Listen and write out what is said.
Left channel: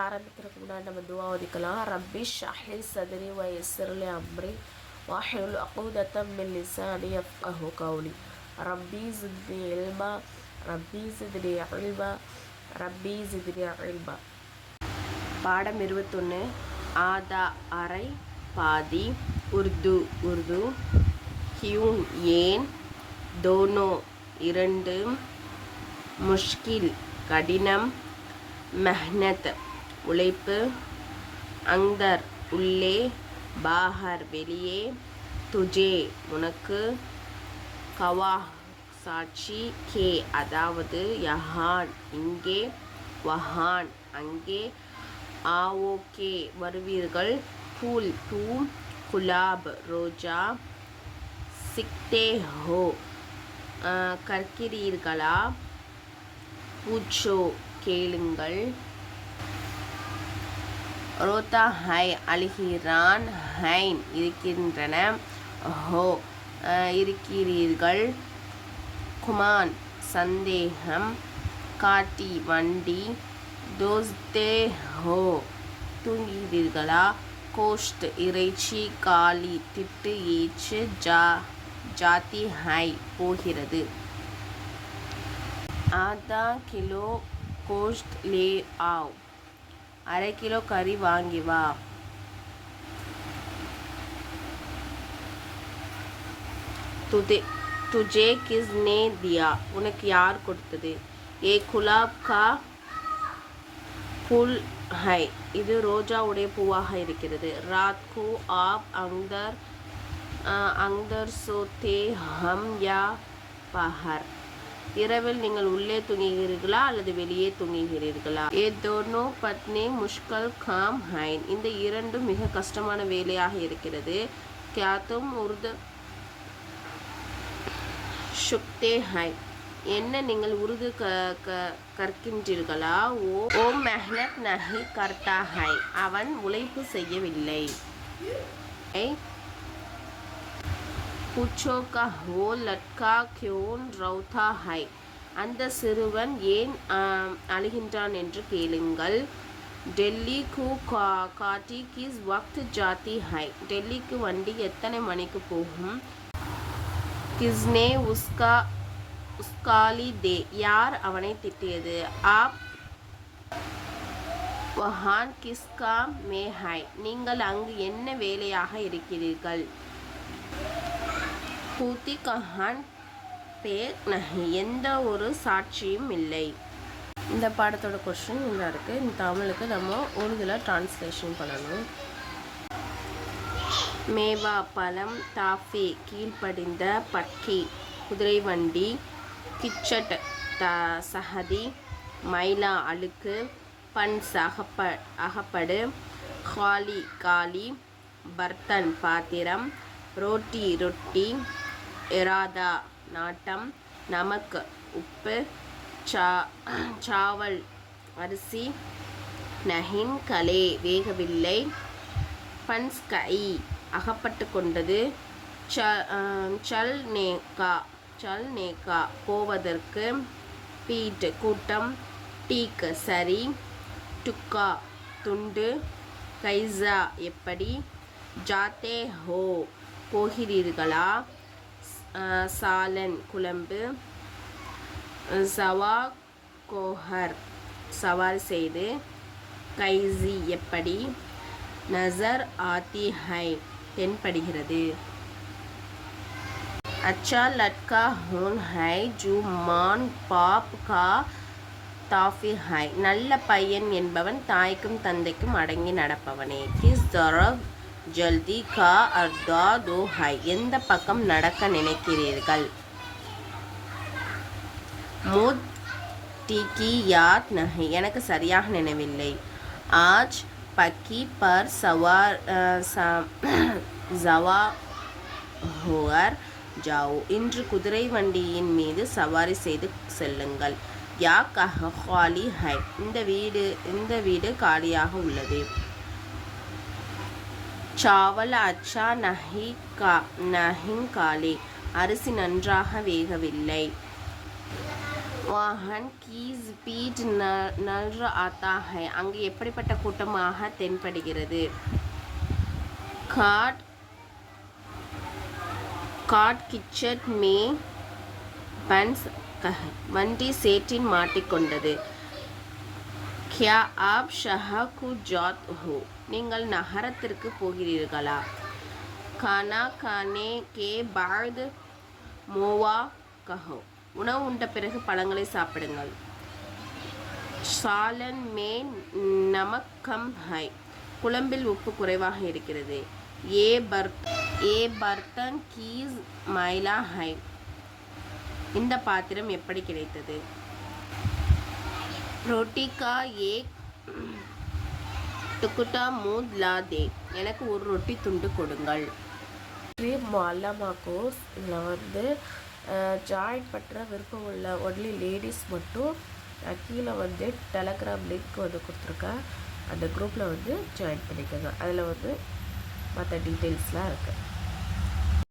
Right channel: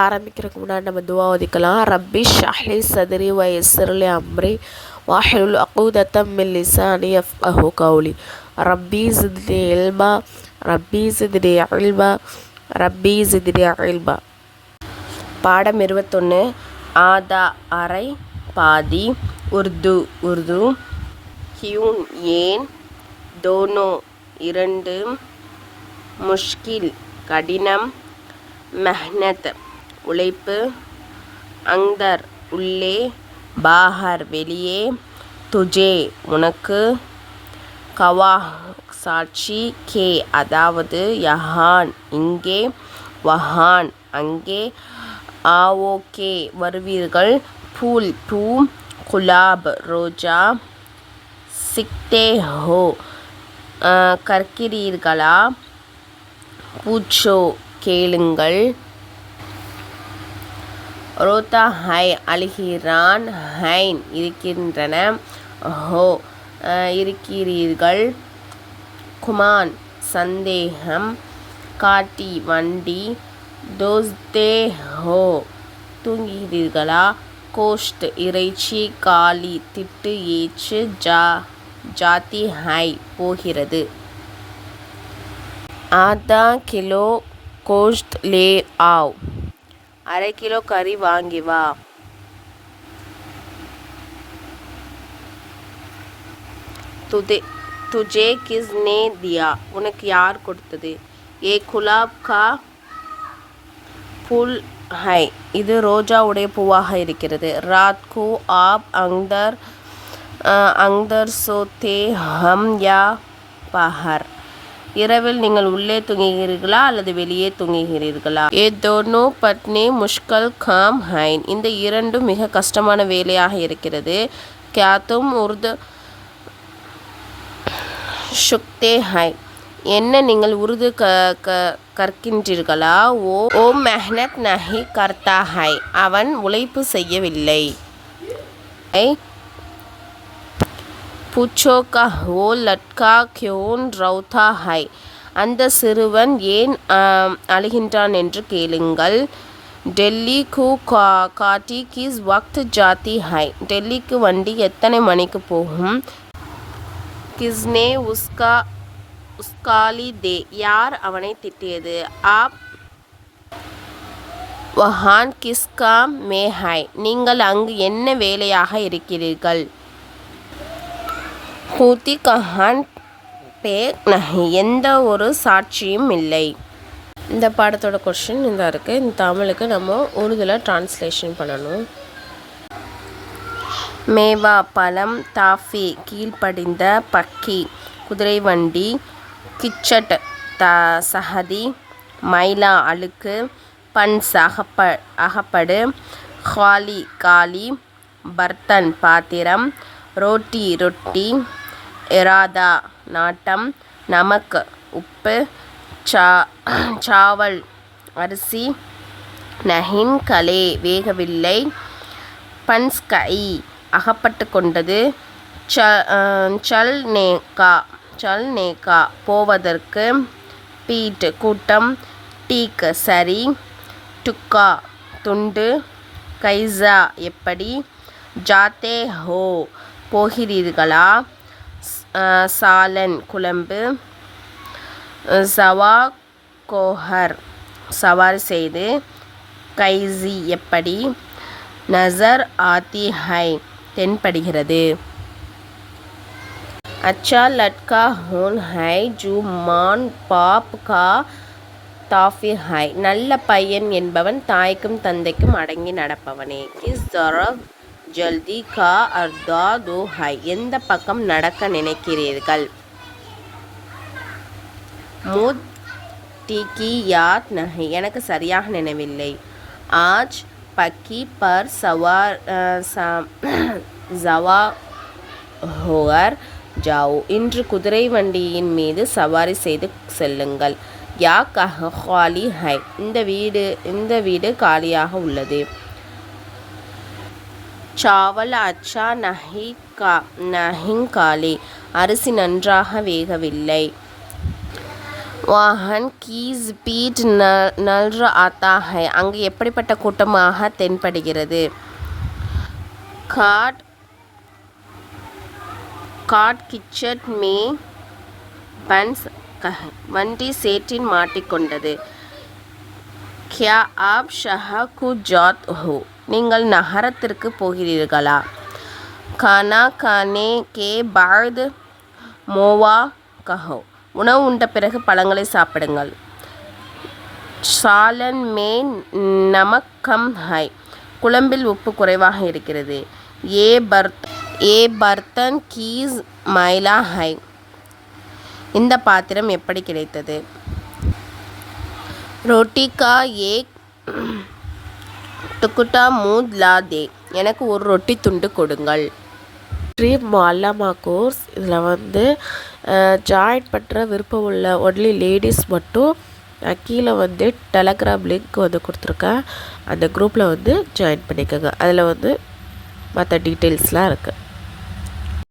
ஆரம்பிக்கிறதுக்கு முன்னாடி நம்ம துவா ஓதிக்கலாம். ரப்பி ஷ்ரஹ்லி சத்ரி வயஸ்ஸிர்லி அம்ரி வஹ்லுல் உக்தத்தம் மின் லிசானி யஃப்கஹு கௌலி. ரப்பி ஸித்னி இல்மா ரப்பி ஸித்னி இல்மா ரப்பி ஸித்னி இல்மா. பாடம் 21. ஆதா அரை, பாதி. உருது ஹியூன் ஏன், தோனோ இரண்டு, முஷ்கில் கடினம், மெஹ்னத் உழைப்பு, அந்தர் உள்ளே, பாஹர் வெளியே, துஜே உனக்கு, கவாஹ் சாட்சி, கே அதாவது, யஹான் இங்கே, வஹான் அங்கே, ஆவோகே வருவீர்கள், பூல் பூ, குலாப் ரோஜா, சிக்தே ஹோ கற்கிறீர்களா, பூச்சோ கேளுங்கள், ரோதா ஹை அழுகிறான், ஹைன் இருக்கின்றன, ஹோ இருக்கிறீர்கள், குமான் சந்தேகம், காட்டி வண்டி, தோஸ்தே ஹோ தூங்குகிறீர்களா, கோஷ்ட் இறைச்சி, காலி திட்டு ஏச்சு, ஜாதி ஹை போகிறது. ஆதா கிலோ கோஷ்ட் லே ஆவ் அரை கிலோ கறி வாங்கி வா. துஜே கிஸ்னே தியா உனக்கு யார் கொடுத்தது. ஏ குலாப் கா ஃபுல் ஹை இது ரோஜாவுடைய பூவாக இருக்கிறது. ராத் கோ ஆப் அங்தர் சோத்தே ஹம் யா பஹர் இரவில் நீங்கள் உள்ளே தூங்குகிறீர்களா அல்லது வெளியே தூங்குகிறீர்களா. ஏ தோனோ பட்னே முஷ்கல் காம் ஹைன் இந்த இரண்டும் மிக கஷ்டமான வேலையாக இருக்கிறது. கியாத்தும் உருது ஷுக்தே ஹை என்ன நீங்கள் உருது கற்கின்றீர்களா. ஓ மெஹ்னத் நஹி கர்த்தா ஹை அவன் உழைப்பு செய்யவில்லை. பூச்சோ கா ஓ லட்கா கியோன் ரவுதா ஹை அந்த சிறுவன் ஏன் அழுகின்றான் என்று கேளுங்கள். டெல்லி கு காட்டி கிஸ் வக்த் ஜாத்தி ஹை டெல்லிக்கு வண்டி எத்தனை மணிக்கு போகும். கிஸ்னே உஸ்காலி தே யார் அவனை திட்டியது. ஆப் வஹான் கிஸ்கா மே ஹை நீங்கள் அங்கு என்ன வேலையாக இருக்கிறீர்கள். ஹூதி கஹான் பே நஹி எந்த ஒரு சாட்சியும் இல்லை. இந்த பாடத்தோட கொஸ்டின் இந்த இருக்குது. இந்த தமிழுக்கு நம்ம உருதுல டிரான்ஸ்லேஷன் பண்ணணும். மேவா பழம், தாஃபி கீழ்ப்படிந்த, பக்கி குதிரை வண்டி, கிச்சட் சஹதி மைலா அழுக்கு, பன்ஸ் அகப்படு, ஹாலி காலி, பர்த்தன் பாத்திரம், ரோட்டி ரொட்டி, எராதா நாட்டம், நமக் உப்பு, சாவல் அரிசி, நஹின் கலே வேகவில்லை, பன்ஸ் கை அகப்பட்டு கொண்டது, சல் நேகா போவதற்கு, பீட் கூட்டம், டீக் சரி, டுக்கா துண்டு, கைசா எப்படி, ஜாத்தே ஹோ போகிறீர்களா, சாலன் குழம்பு, சவா கோஹர் சவாரி செய்து, கைசி எப்படி, நசர் ஆத்தி ஹை தென்படுகிறது. அச்சா லட்கா ஹோன் ஹை ஜூ மான் பாப் கா தாஃபி ஹை நல்ல பையன் என்பவன் தாய்க்கும் தந்தைக்கும் அடங்கி நடப்பவனே. கிஸ் தரப் ஜல்தி கா அர்தா தோ ஹை எந்த பக்கம் நடக்க நினைக்கிறீர்கள். முத் டீக்கி யாத் நஹி எனக்கு சரியாக நினைவில்லை. ஆஜ் பக்கி பர் சவா ஹோர் ஜாவோ இன்று குதிரை வண்டியின் மீது சவாரி செய்து செல்லுங்கள். யா காலி ஹை இந்த வீடு காலியாக உள்ளது. சாவல் அச்சா நஹிங் காலி அரிசி நன்றாக வேகவில்லை. வாஹன் கீ ஸ்பீட் நல்ற ஆத்தா ஹை. அங்கு எப்படிப்பட்ட கூட்டமாக தென்படுகிறது? காட் காட் கிச்சட் மே பன்ஸ் கஹ். வண்டி சேற்றில் மாட்டிக்கொண்டது. கியா ஆப் ஷஹர் கு ஜாத் ஹோ. நீங்கள் நகரத்திற்கு போகிறீர்களா? கானா கானே கே பாத் மோவா கஹோ. உணவு உண்ட பிறகு பழங்களை சாப்பிடுங்கள். சாலன் மே நமக் கம் ஹை. குழம்பில் உப்பு குறைவாக இருக்கிறது. ஏ பர்த்தன் கீஸ் மைலா ஹை. இந்த பாத்திரம் எப்படி கிடைத்தது? ரோட்டி கா ஏக் டுக்குட்டா மூத் லா தே. எனக்கு ஒரு ரொட்டி துண்டு கொடுங்கள். ட்ரீம் மொல்லமா கோர்ஸ். இதில் வந்து ஜாயின் பண்ணுற விருப்பம் உள்ள ஒன்லி லேடிஸ் மட்டும் கீழே வந்து டெலகிராம் லிங்க் வந்து கொடுத்துருக்கேன். அந்த குரூப்பில் வந்து ஜாயின் பண்ணிக்கோங்க. அதில் வந்து மற்ற டீட்டெயில்ஸ்லாம் இருக்குது.